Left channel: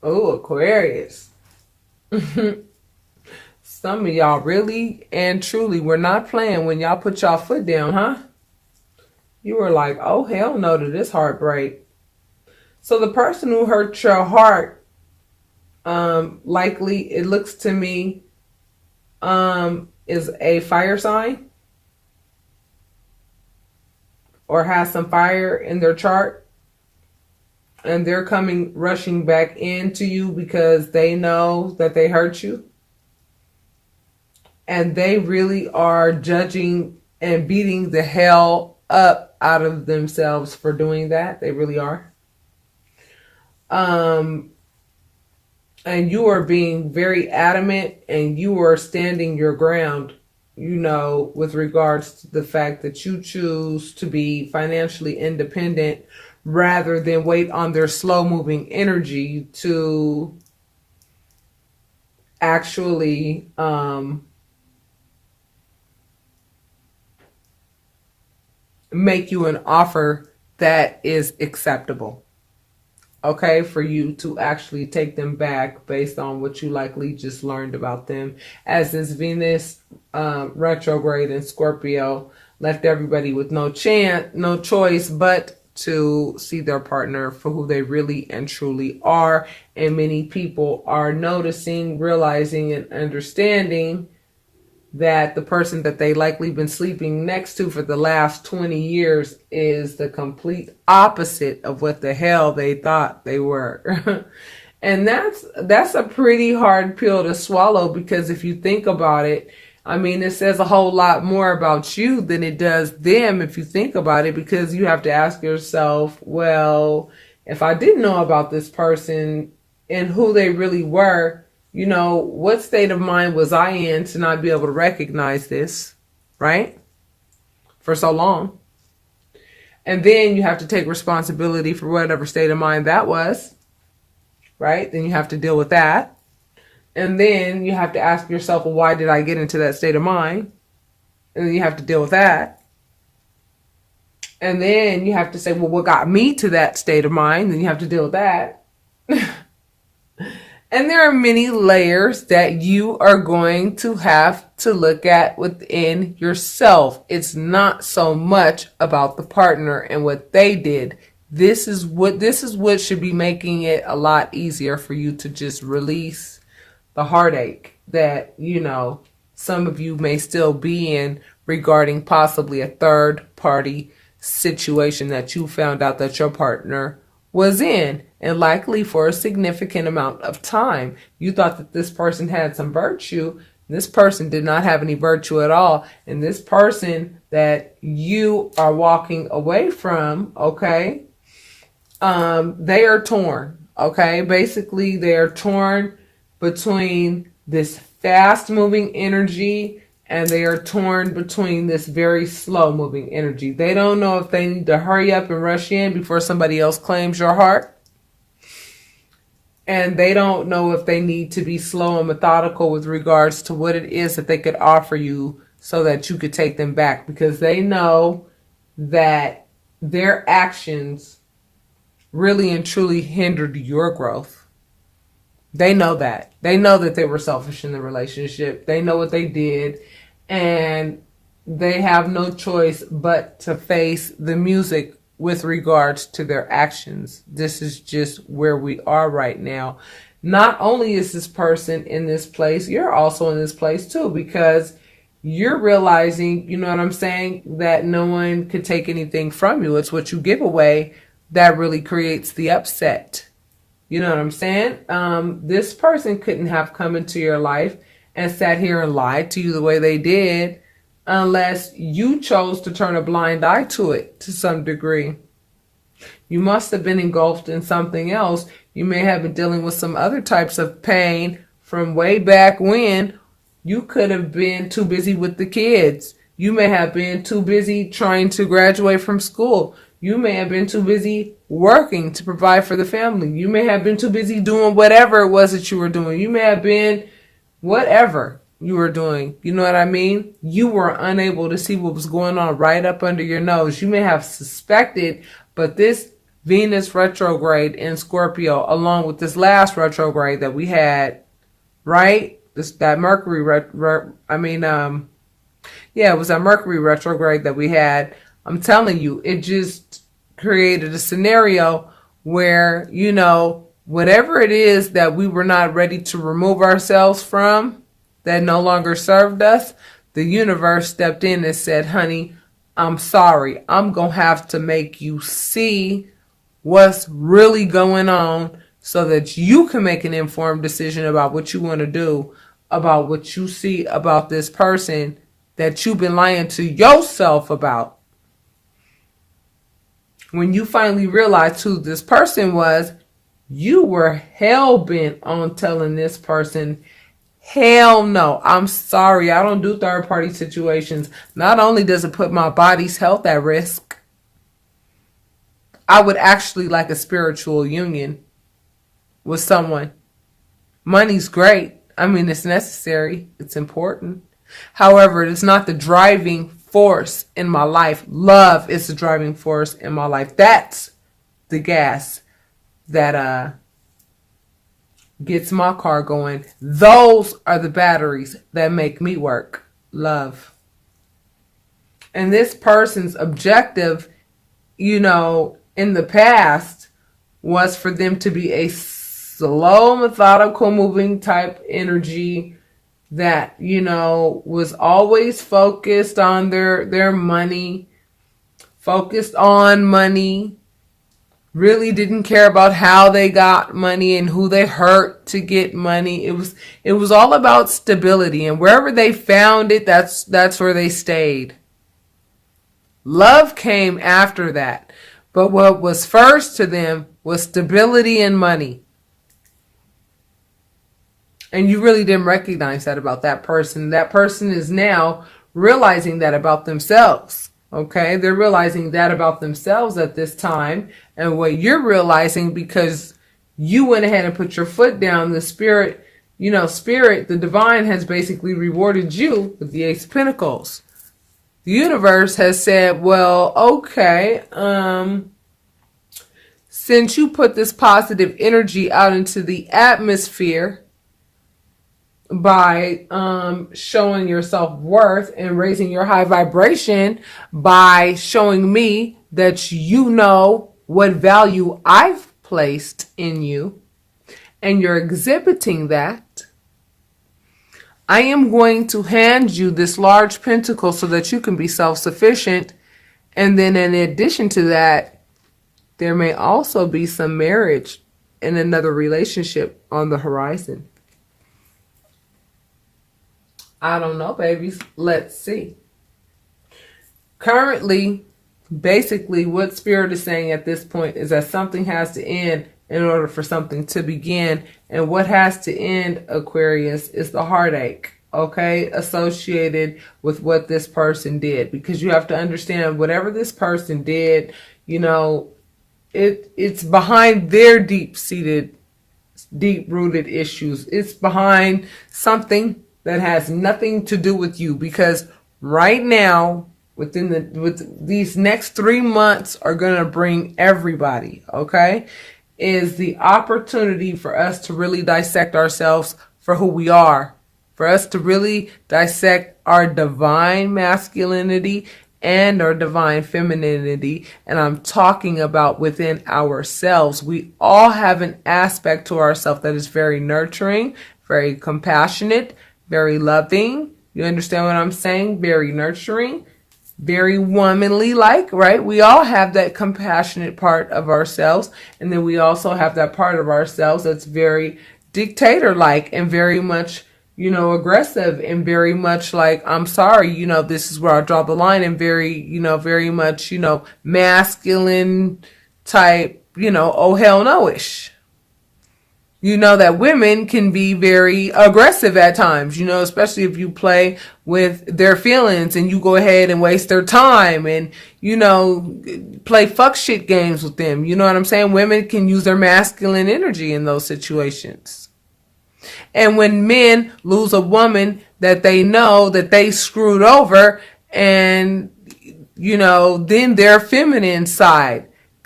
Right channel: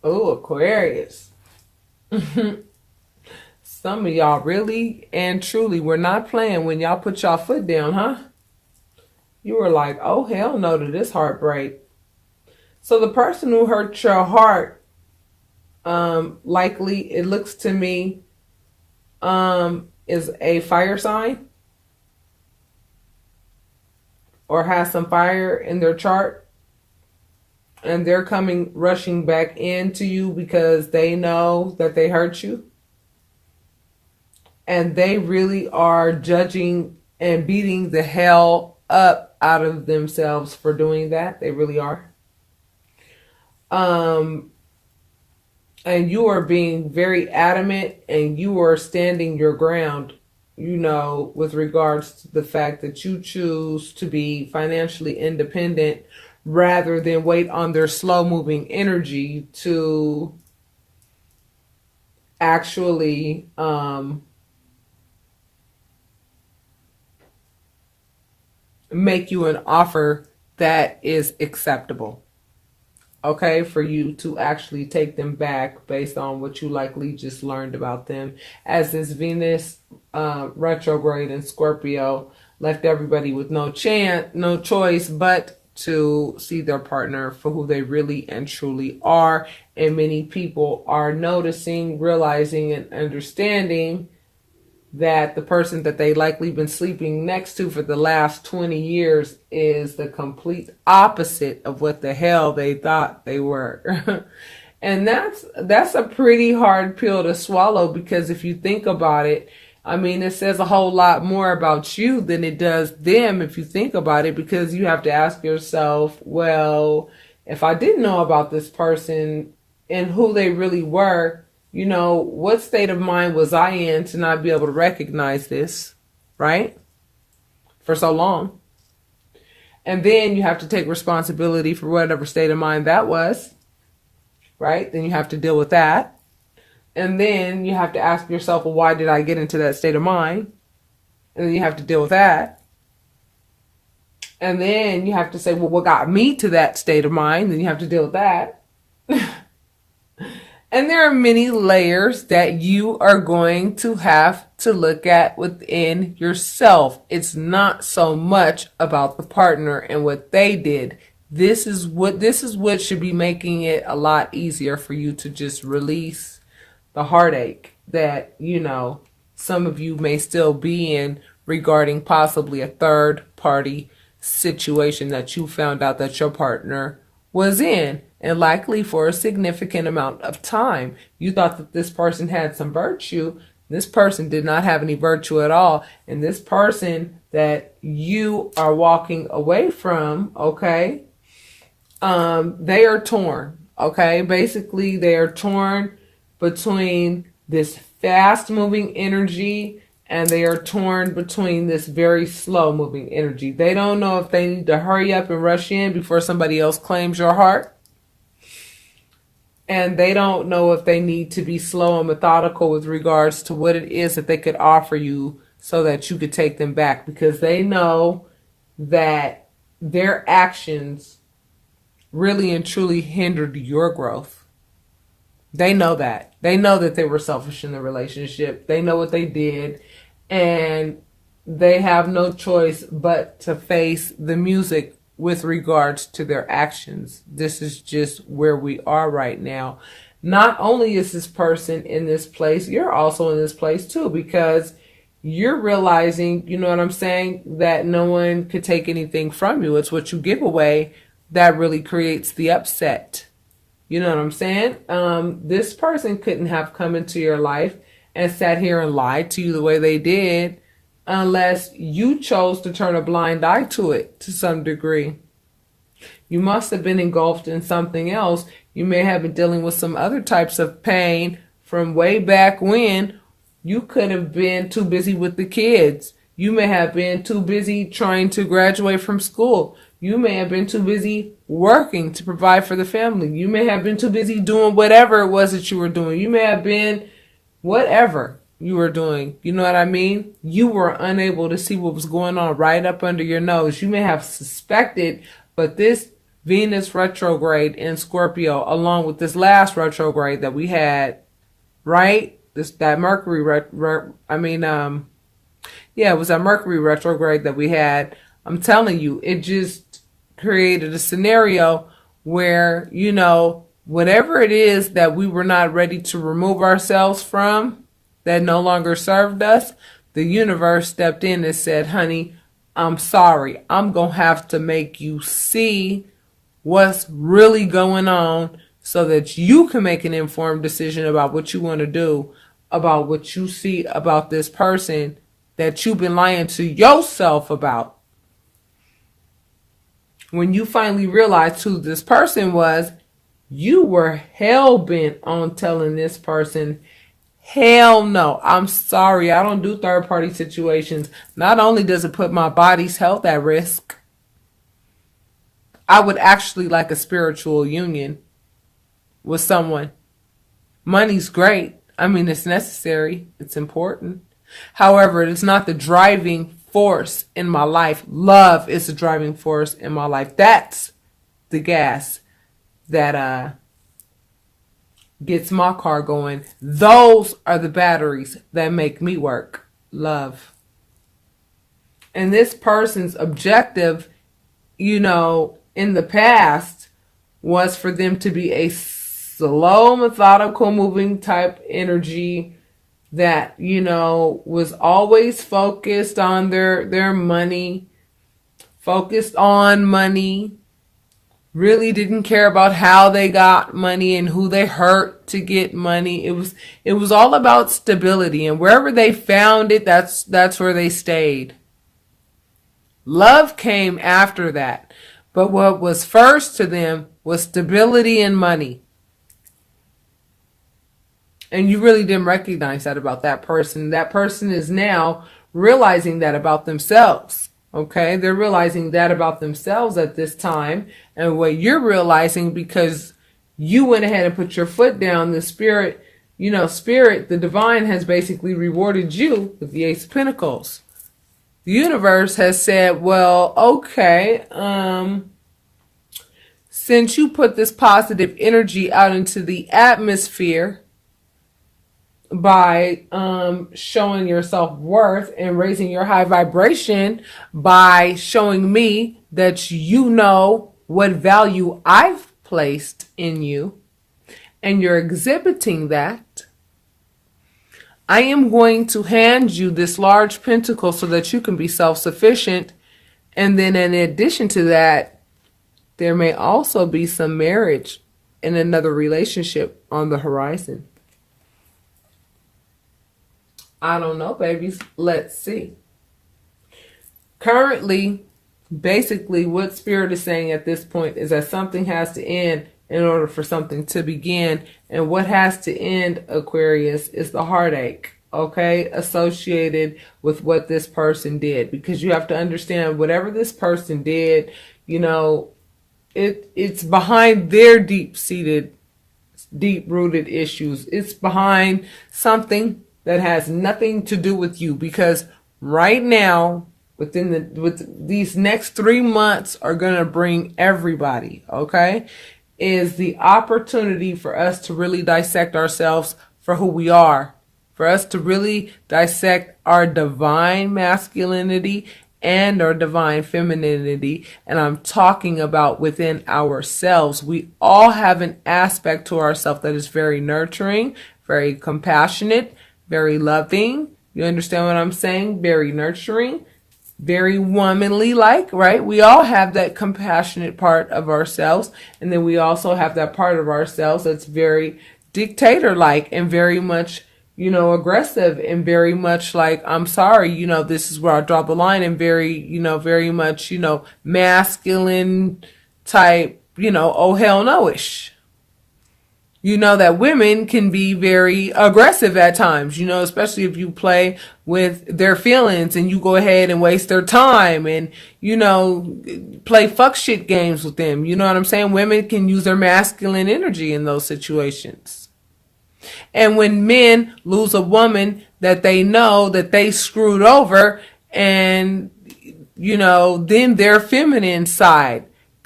Oh, Aquarius. Some of y'all really and truly were not playing when y'all put y'all foot down, huh? You were like, oh, hell no to this heartbreak. So the person who hurt your heart, likely, it looks to me, is a fire sign or has some fire in their chart. And they're coming rushing back into you because they know that they hurt you. And they really are judging and beating the hell up out of themselves for doing that. They really are. And you are being very adamant and you are standing your ground, with regards to the fact that you choose to be financially independent rather than wait on their slow moving energy to actually make you an offer that is acceptable. Okay, for you to actually take them back based on what you likely just learned about them, as this Venus retrograde in Scorpio left everybody with no choice but to see their partner for who they really and truly are. And many people are noticing, realizing, and understanding that the person that they likely been sleeping next to for the last 20 years is the complete opposite of what the hell they thought they were. And that's a pretty hard pill to swallow, because if you think about it, I mean, it says a whole lot more about you than it does them if you think about it, because you have to ask yourself, well, if I didn't know about this person and who they really were, what state of mind was I in to not be able to recognize this, right? For so long. And then you have to take responsibility for whatever state of mind that was, right? Then you have to deal with that. And then you have to ask yourself, well, why did I get into that state of mind? And then you have to deal with that. And then you have to say, well, what got me to that state of mind? Then you have to deal with that. And there are many layers that you are going to have to look at within yourself. It's not so much about the partner and what they did. This is what should be making it a lot easier for you to just release the heartache that, some of you may still be in regarding possibly a third party situation that you found out that your partner was in, and likely for a significant amount of time. You thought that this person had some virtue. This person did not have any virtue at all. And this person that you are walking away from, okay, they are torn, okay? Basically, they are torn between this fast-moving energy and they are torn between this very slow-moving energy. They don't know if they need to hurry up and rush in before somebody else claims your heart. And they don't know if they need to be slow and methodical with regards to what it is that they could offer you so that you could take them back. Because they know that their actions really and truly hindered your growth. They know that. They know that they were selfish in the relationship. They know what they did. And they have no choice but to face the music with regards to their actions. This is just where we are right now. Not only is this person in this place, you're also in this place too, because you're realizing, you know what I'm saying, that no one could take anything from you. It's what you give away that really creates the upset. You know what I'm saying? This person couldn't have come into your life and sat here and lied to you the way they did unless you chose to turn a blind eye to it to some degree. You must have been engulfed in something else. You may have been dealing with some other types of pain from way back when. You could have been too busy with the kids. You may have been too busy trying to graduate from school. You may have been too busy working to provide for the family. You may have been too busy doing whatever it was that you were doing. You may have been whatever you were doing. You know what I mean? You were unable to see what was going on right up under your nose. You may have suspected, but this Venus retrograde in Scorpio, along with this last retrograde that we had, right? That Mercury it was a Mercury retrograde that we had. I'm telling you, it just created a scenario where, whatever it is that we were not ready to remove ourselves from, that no longer served us, the universe stepped in and said, honey, I'm sorry. I'm going to have to make you see what's really going on so that you can make an informed decision about what you want to do, about what you see about this person that you've been lying to yourself about. When you finally realized who this person was, you were hell-bent on telling this person, hell no, I'm sorry, I don't do third-party situations. Not only does it put my body's health at risk, I would actually like a spiritual union with someone. Money's great. I mean, it's necessary. It's important. However, it's not the driving force in my life. Love is the driving force in my life. That's the gas that gets my car going. Those are the batteries that make me work. Love. And this person's objective, in the past was for them to be a slow, methodical, moving type energy that, was always focused on their money, focused on money, really didn't care about how they got money and who they hurt to get money. It was all about stability, and wherever they found it, that's where they stayed. Love came after that. But what was first to them was stability and money. And you really didn't recognize that about that person. That person is now realizing that about themselves. Okay? They're realizing that about themselves at this time. And what you're realizing, because you went ahead and put your foot down, the spirit, the divine has basically rewarded you with the Ace of Pentacles. The universe has said, well, okay, since you put this positive energy out into the atmosphere by showing your self-worth and raising your high vibration by showing me that you know what value I've placed in you, and you're exhibiting that, I am going to hand you this large pentacle so that you can be self-sufficient. And then in addition to that, there may also be some marriage and another relationship on the horizon. I don't know, babies. Let's see. Currently, basically what Spirit is saying at this point is that something has to end in order for something to begin. And what has to end, Aquarius, is the heartache, okay, associated with what this person did. Because you have to understand, whatever this person did, it's behind their deep-seated, deep-rooted issues. It's behind something that has nothing to do with you. Because right now, with these next 3 months are going to bring everybody, okay, is the opportunity for us to really dissect ourselves for who we are, for us to really dissect our divine masculinity and our divine femininity. And I'm talking about within ourselves. We all have an aspect to ourselves that is very nurturing, very compassionate, very loving. You understand what I'm saying? Very nurturing, very womanly like, right? We all have that compassionate part of ourselves. And then we also have that part of ourselves that's very dictator-like and very much, aggressive and very much like, I'm sorry, this is where I draw the line, and very, very much, masculine type, oh hell no-ish. That women can be very aggressive at times, especially if you play with their feelings and you go ahead and waste their time and, play fuck shit games with them. You know what I'm saying? Women can use their masculine energy in those situations. And when men lose a woman that they know that they screwed over, and, then their feminine side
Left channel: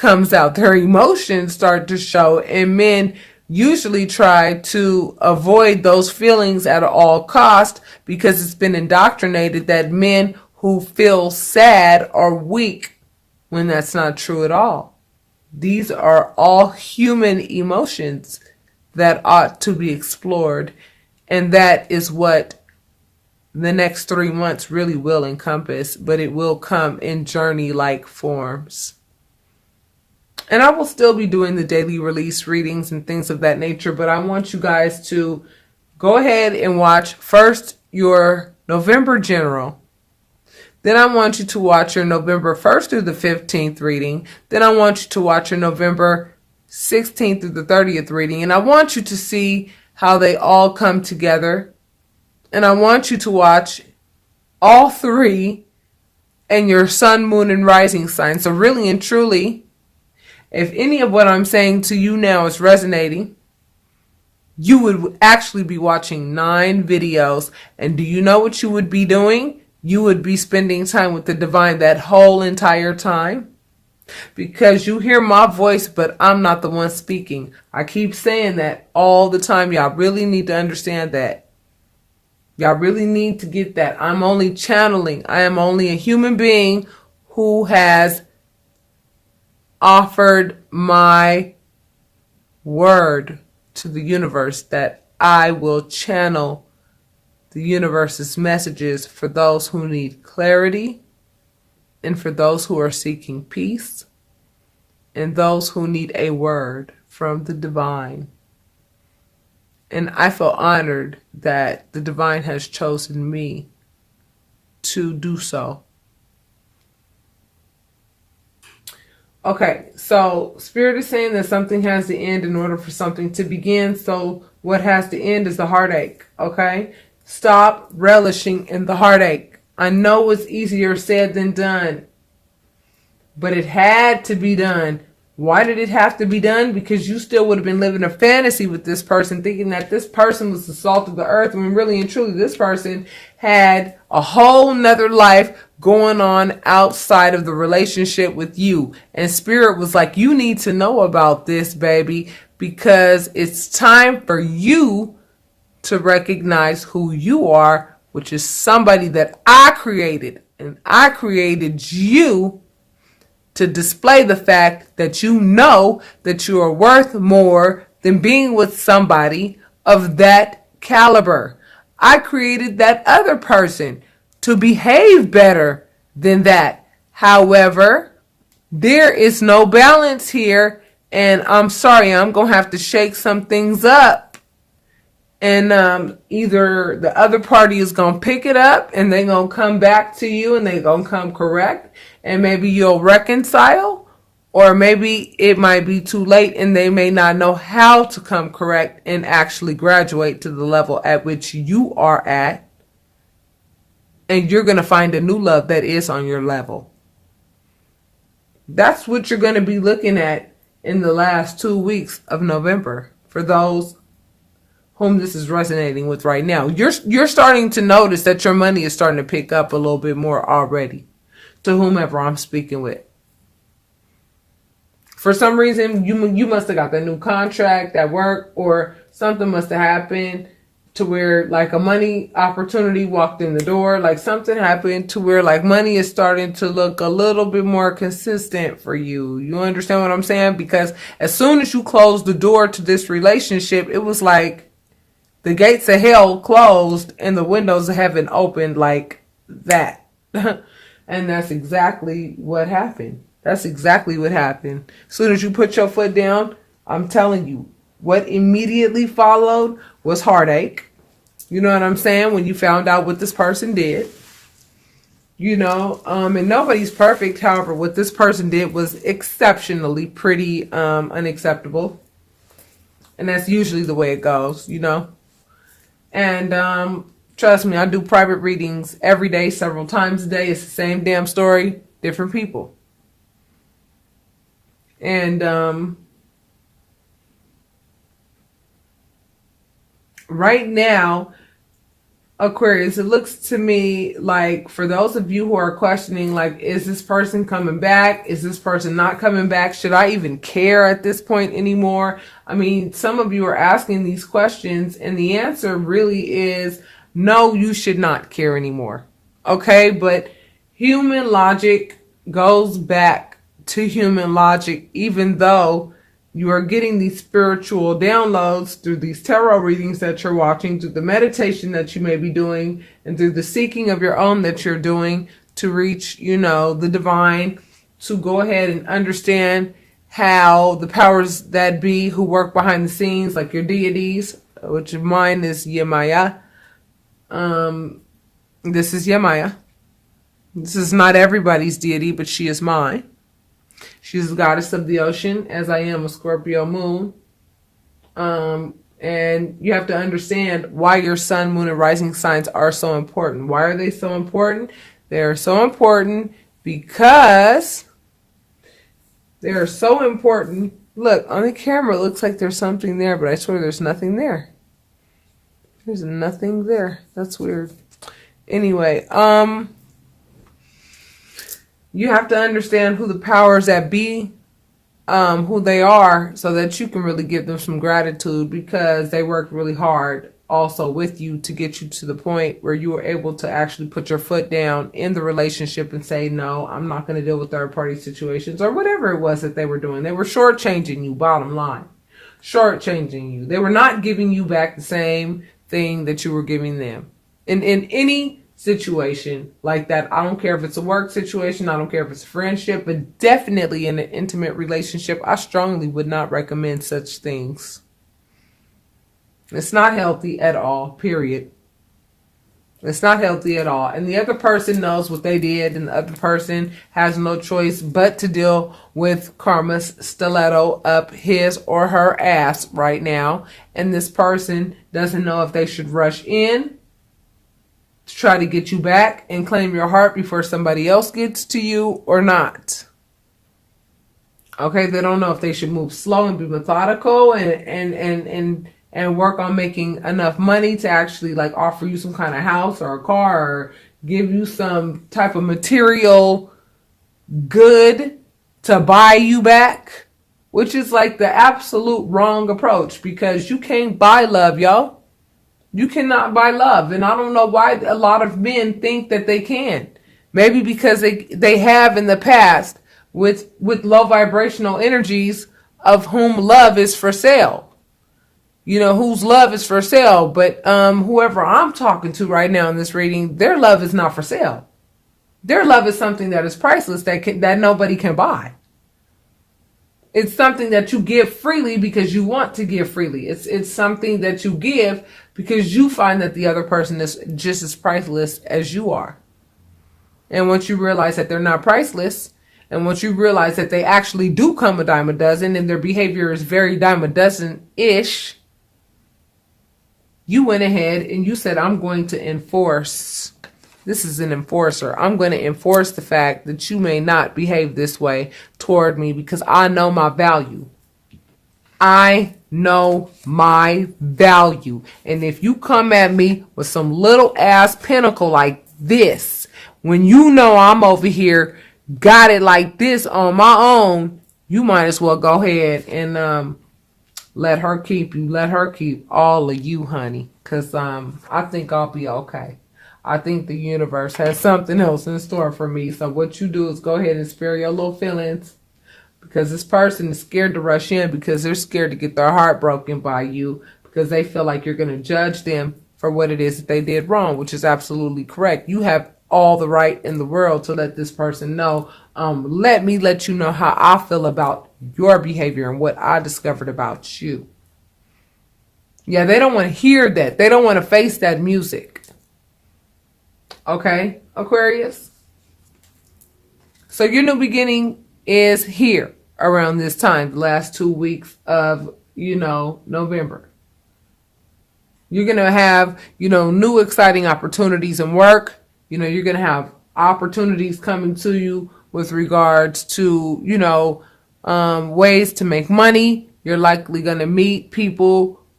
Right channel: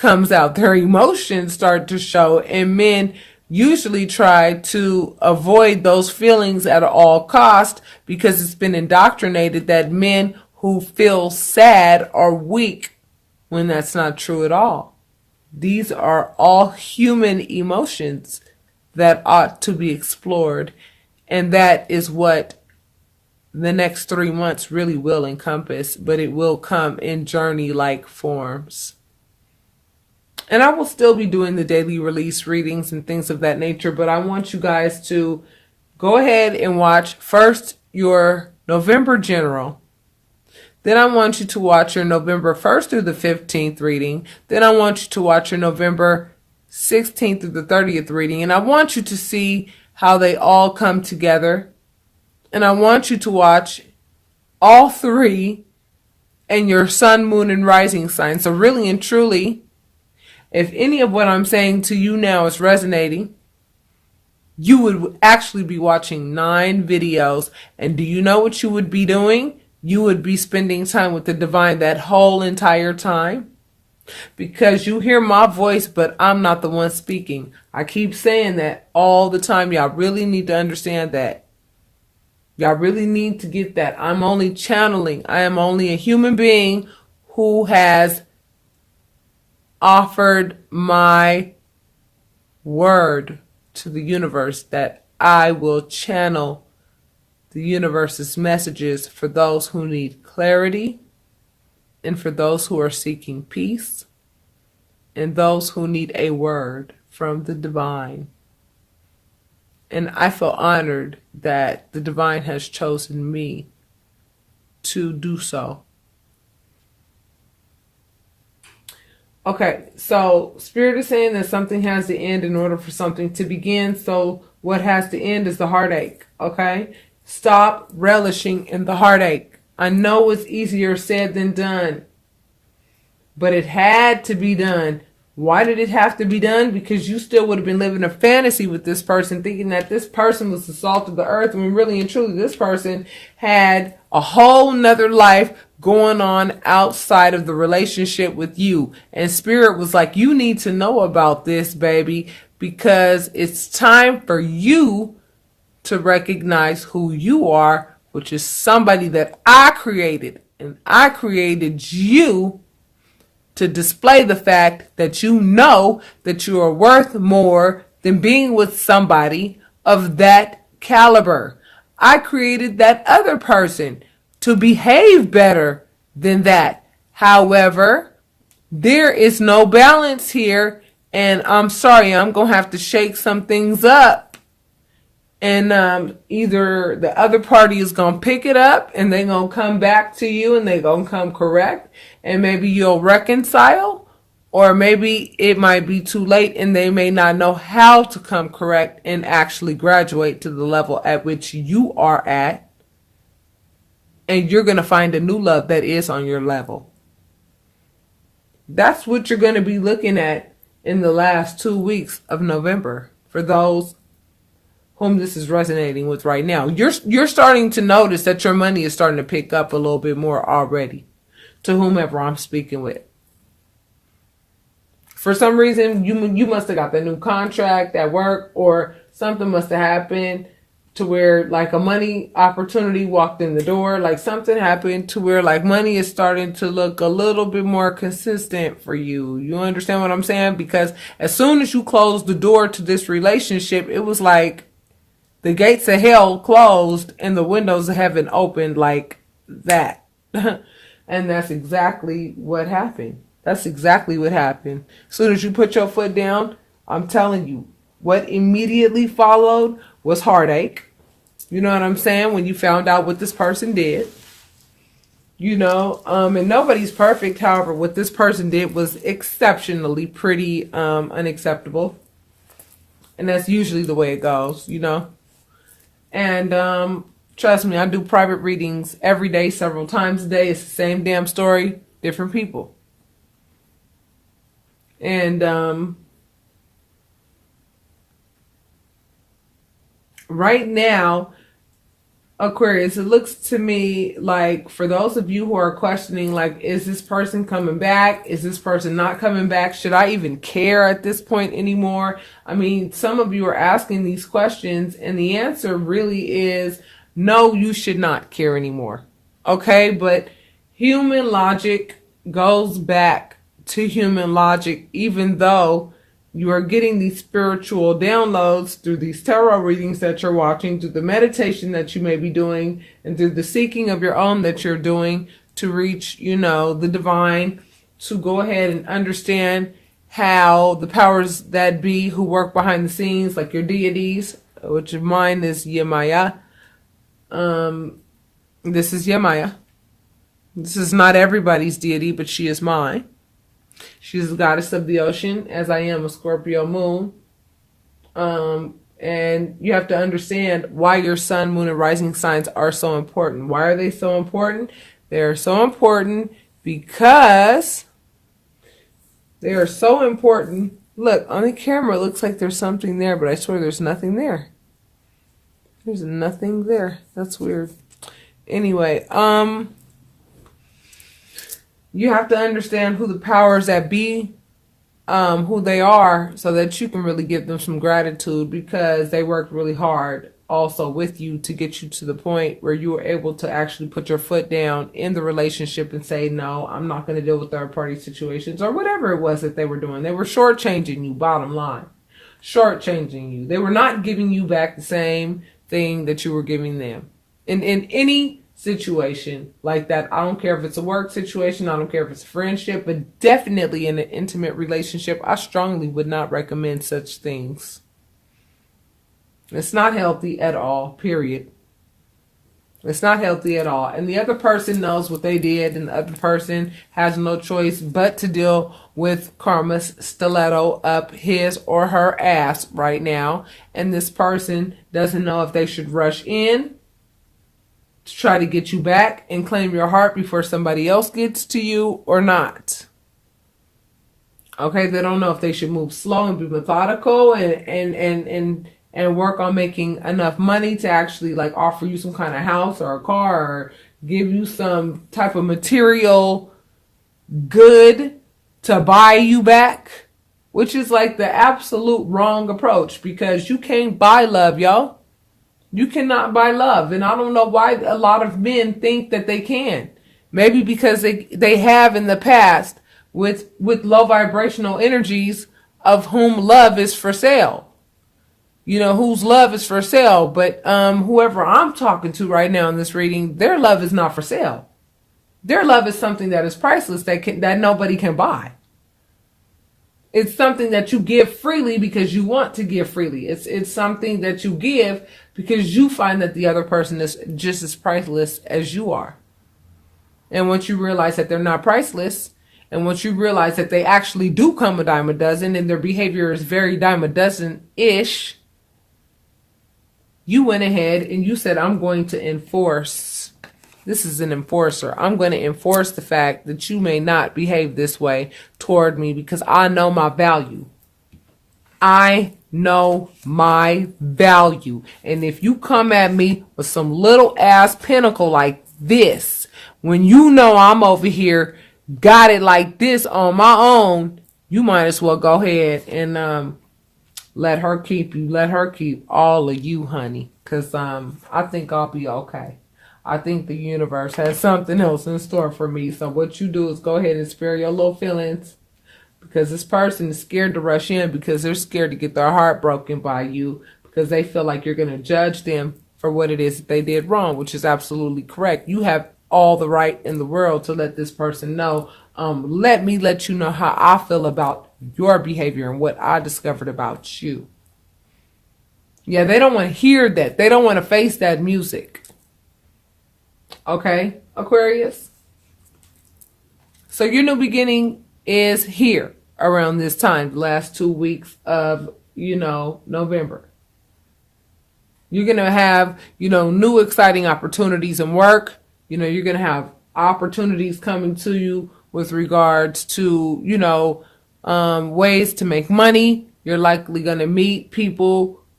comes out. Their emotions start to show, and men usually try to avoid those feelings at all cost because it's been indoctrinated that men who feel sad are weak, when that's not true at all. These are all human emotions that ought to be explored, and that is what the next 3 months really will encompass, but it will come in journey-like forms. And I will still be doing the daily release readings and things of that nature, but I want you guys to go ahead and watch first your November general. Then I want you to watch your November 1st through the 15th reading. Then I want you to watch your November 16th through the 30th reading. And I want you to see how they all come together. And I want you to watch all three and your sun, moon, and rising sign. So really and truly, if any of what I'm saying to you now is resonating, you would actually be watching 9 videos. And do you know what you would be doing? You would be spending time with the divine that whole entire time. Because you hear my voice, but I'm not the one speaking. I keep saying that all the time. Y'all really need to understand that. Y'all really need to get that. I'm only channeling. I am only a human being who has offered my word to the universe that I will channel the universe's messages for those who need clarity, and for those who are seeking peace, and those who need a word from the divine. And I feel honored that the divine has chosen me to do so. Okay, so Spirit is saying that something has to end in order for something to begin. So what has to end is the heartache, okay? Stop relishing in the heartache. I know it's easier said than done, but it had to be done. Why did it have to be done? Because you still would have been living a fantasy with this person, thinking that this person was the salt of the earth, when really and truly this person had a whole nother life going on outside of the relationship with you. And Spirit was like, you need to know about this, baby, because it's time for you to recognize who you are, which is somebody that I created. And I created you to display the fact that you know that you are worth more than being with somebody of that caliber. I created that other person to behave better than that. However, there is no balance here, and I'm sorry, I'm going to have to shake some things up. And either the other party is going to pick it up and they're going to come back to you and they're going to come correct, and maybe you'll reconcile, or maybe it might be too late and they may not know how to come correct and actually graduate to the level at which you are at, and you're going to find a new love that is on your level. That's what you're going to be looking at in the last 2 weeks of November for those whom this is resonating with right now. You're starting to notice that your money is starting to pick up a little bit more already, to whomever I'm speaking with. For some reason, you must have got the new contract at work, or something must have happened to where like a money opportunity walked in the door. Like something happened to where like money is starting to look a little bit more consistent for you. You understand what I'm saying? Because as soon as you closed the door to this relationship, it was like the gates of hell closed and the windows of heaven opened like that. And that's exactly what happened. That's exactly what happened. As soon as you put your foot down, I'm telling you, what immediately followed was heartache. You know what I'm saying? When you found out what this person did. You know, and nobody's perfect. However, what this person did was exceptionally pretty unacceptable. And that's usually the way it goes, you know. And trust me, I do private readings every day, several times a day. It's the same damn story, different people. And right now, Aquarius, it looks to me like, for those of you who are questioning, like, is this person coming back? Is this person not coming back? Should I even care at this point anymore? I mean, some of you are asking these questions, and the answer really is no, you should not care anymore. Okay, but human logic goes back to human logic, even though you are getting these spiritual downloads through these tarot readings that you're watching, through the meditation that you may be doing, and through the seeking of your own that you're doing to reach, the divine, to go ahead and understand how the powers that be who work behind the scenes, like your deities, which of mine is Yemaya. This is Yemaya. This is not everybody's deity, but she is mine. She's the goddess of the ocean, as I am a Scorpio moon. And you have to understand why your sun, moon, and rising signs are so important. Why are they so important? They are so important because Look, on the camera, it looks like there's something there, but I swear there's nothing there. There's nothing there. That's weird. Anyway, you have to understand who the powers that be, who they are, so that you can really give them some gratitude, because they worked really hard also with you to get you to the point where you were able to actually put your foot down in the relationship and say, no, I'm not going to deal with third party situations, or whatever it was that they were doing. They were shortchanging you, bottom line. Shortchanging you. They were not giving you back the same thing that you were giving them. In any situation like that, I don't care if it's a work situation, I don't care if it's a friendship, but definitely in an intimate relationship, I strongly would not recommend such things. It's not healthy at all, period. It's not healthy at all. And the other person knows what they did, and the other person has no choice but to deal with karma's stiletto up his or her ass right now. And this person doesn't know if they should rush in to try to get you back and claim your heart before somebody else gets to you or not. Okay, they don't know if they should move slow and be methodical and work on making enough money to actually like offer you some kind of house or a car, or give you some type of material good to buy you back, which is like the absolute wrong approach, because you can't buy love, y'all. You cannot buy love. And I don't know why a lot of men think that they can. Maybe because they have in the past with low vibrational energies, of whom love is for sale. Whose love is for sale. But whoever I'm talking to right now in this reading, their love is not for sale. Their love is something that is priceless, that nobody can buy. It's something that you give freely because you want to give freely. It's something that you give because you find that the other person is just as priceless as you are. And once you realize that they're not priceless, and once you realize that they actually do come a dime a dozen, and their behavior is very dime a dozen-ish, you went ahead and you said, I'm going to enforce. This is an enforcer. I'm going to enforce the fact that you may not behave this way toward me, because I know my value. I know my value. And if you come at me with some little ass pinnacle like this, when you know I'm over here, got it like this on my own, you might as well go ahead and let her keep you. Let her keep all of you, honey. Because I think I'll be okay. I think the universe has something else in store for me. So what you do is go ahead and spare your little feelings. Because this person is scared to rush in, because they're scared to get their heart broken by you. Because they feel like you're going to judge them for what it is that they did wrong, which is absolutely correct. You have all the right in the world to let this person know. Let me let you know how I feel about your behavior and what I discovered about you. Yeah, they don't want to hear that. They don't want to face that music. Okay, Aquarius? So your new beginning is here around this time, the last 2 weeks of, November. You're going to have, new exciting opportunities in work. You're going to have opportunities coming to you with regards to, ways to make money. You're likely going to meet people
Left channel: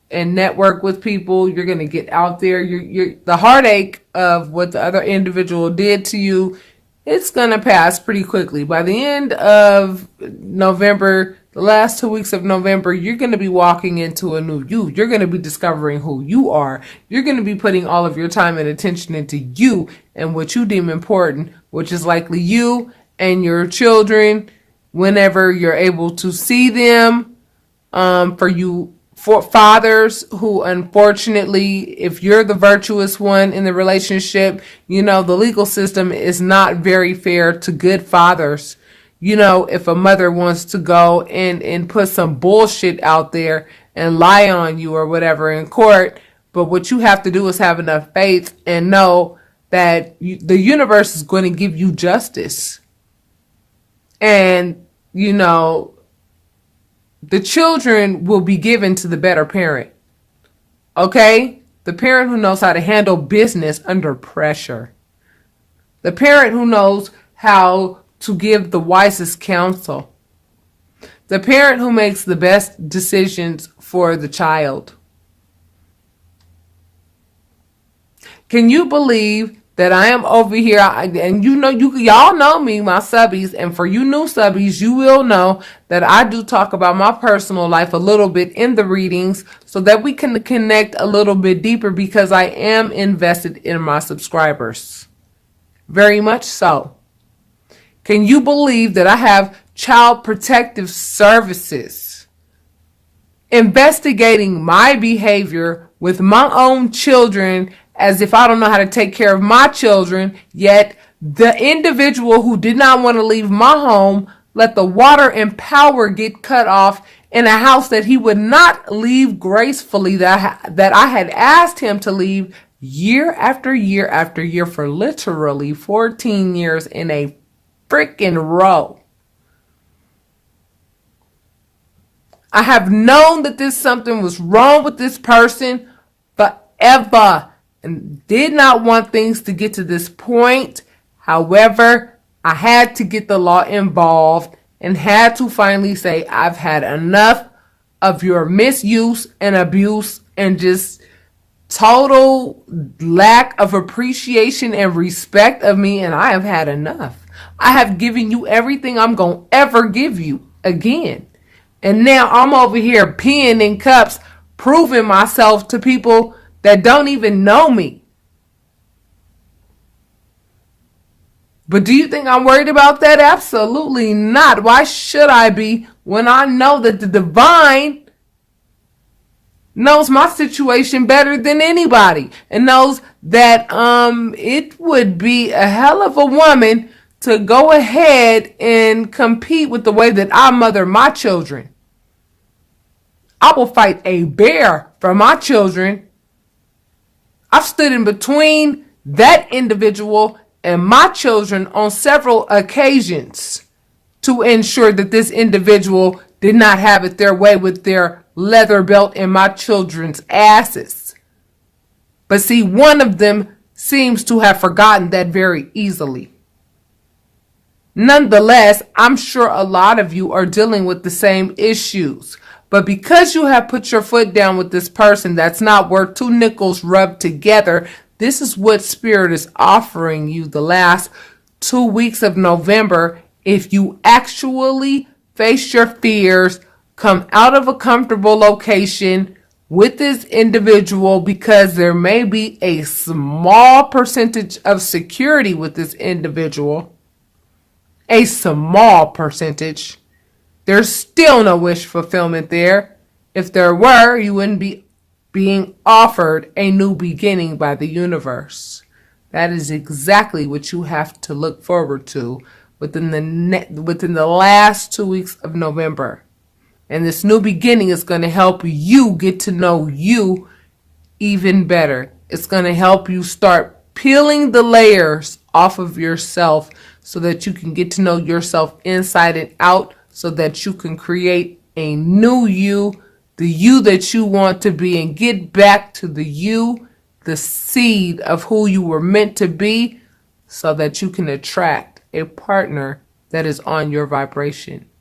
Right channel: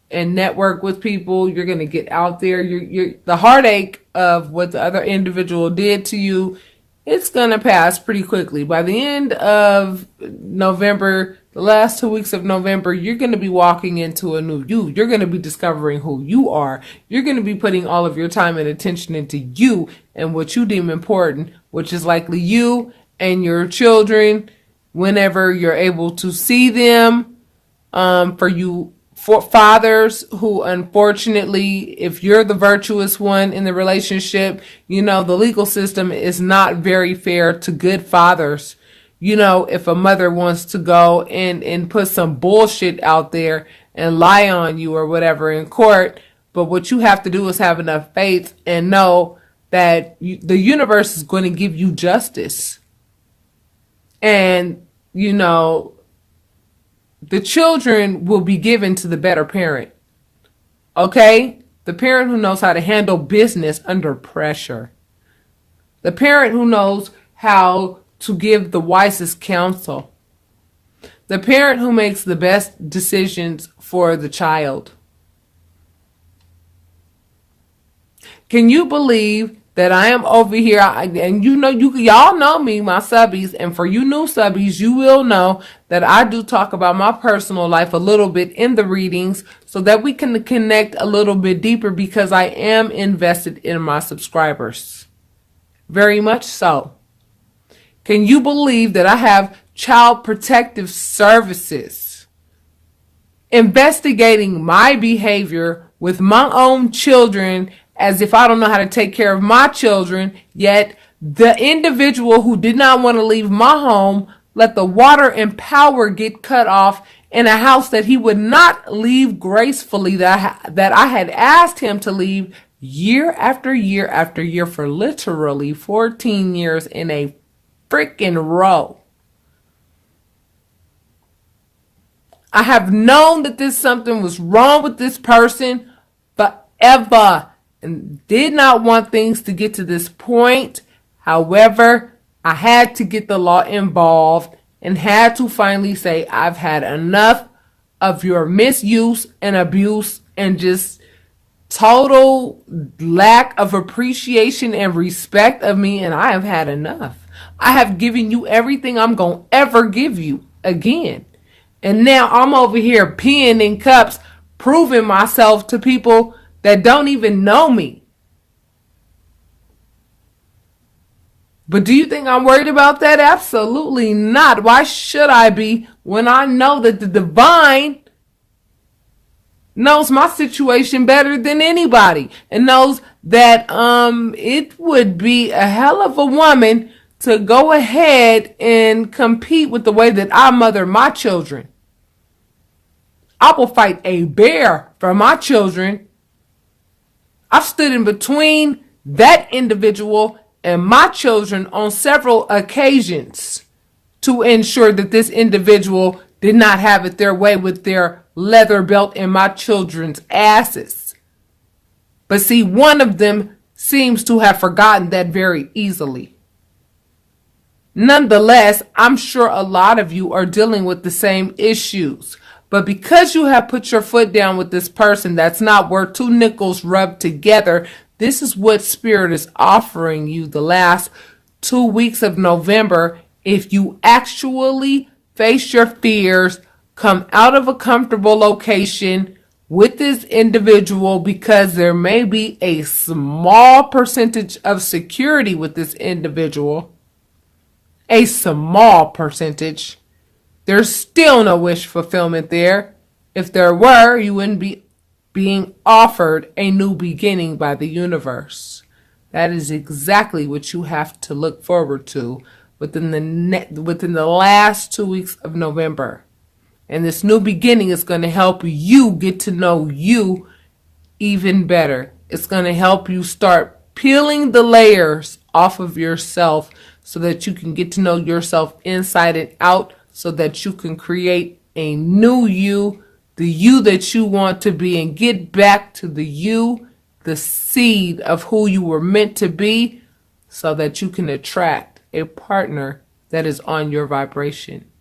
and network with people. You're going to get out there. The heartache of what the other individual did to you, it's going to pass pretty quickly. By the end of November, the last 2 weeks of November, you're going to be walking into a new you. You're going to be discovering who you are. You're going to be putting all of your time and attention into you and what you deem important, which is likely you and your children whenever you're able to see them. For fathers who, unfortunately, if you're the virtuous one in the relationship, the legal system is not very fair to good fathers. If a mother wants to go and put some bullshit out there and lie on you or whatever in court, but what you have to do is have enough faith and know that the universe is going to give you justice. And, the children will be given to the better parent. Okay? The parent who knows how to handle business under pressure. The parent who knows how to give the wisest counsel. The parent who makes the best decisions for the child. Can you believe that I am over here, and y'all know me, my subbies, and for you new subbies, you will know that I do talk about my personal life a little bit in the readings so that we can connect a little bit deeper, because I am invested in my subscribers. Very much so. Can you believe that I have child protective services investigating my behavior with my own children, as if I don't know how to take care of my children, yet the individual who did not want to leave my home let the water and power get cut off in a house that he would not leave gracefully, that I had asked him to leave year after year after year for literally 14 years in a freaking row. I have known that something was wrong with this person forever, and did not want things to get to this point. However, I had to get the law involved and had to finally say, I've had enough of your misuse and abuse and just total lack of appreciation and respect of me, and I have had enough. I have given you everything I'm going to ever give you again. And now I'm over here peeing in cups, proving myself to people that don't even know me. But do you think I'm worried about that? Absolutely not. Why should I be, when I know that the divine knows my situation better than anybody, and knows that it would be a hell of a woman to go ahead and compete with the way that I mother my children. I will fight a bear for my children. I've stood in between that individual and my children on several occasions to ensure that this individual did not have it their way with their leather belt in my children's asses. But see, one of them seems to have forgotten that very easily. Nonetheless, I'm sure a lot of you are dealing with the same issues. But because you have put your foot down with this person that's not worth two nickels rubbed together, this is what Spirit is offering you the last 2 weeks of November. If you actually face your fears, come out of a comfortable location with this individual, because there may be a small percentage of security with this individual. A small percentage. There's still no wish fulfillment there. If there were, you wouldn't be being offered a new beginning by the universe. That is exactly what you have to look forward to within the last 2 weeks of November. And this new beginning is going to help you get to know you even better. It's going to help you start peeling the layers off of yourself so that you can get to know yourself inside and out, so that you can create a new you, the you that you want to be, and get back to the you, the seed of who you were meant to be, so that you can attract a partner that is on your vibration.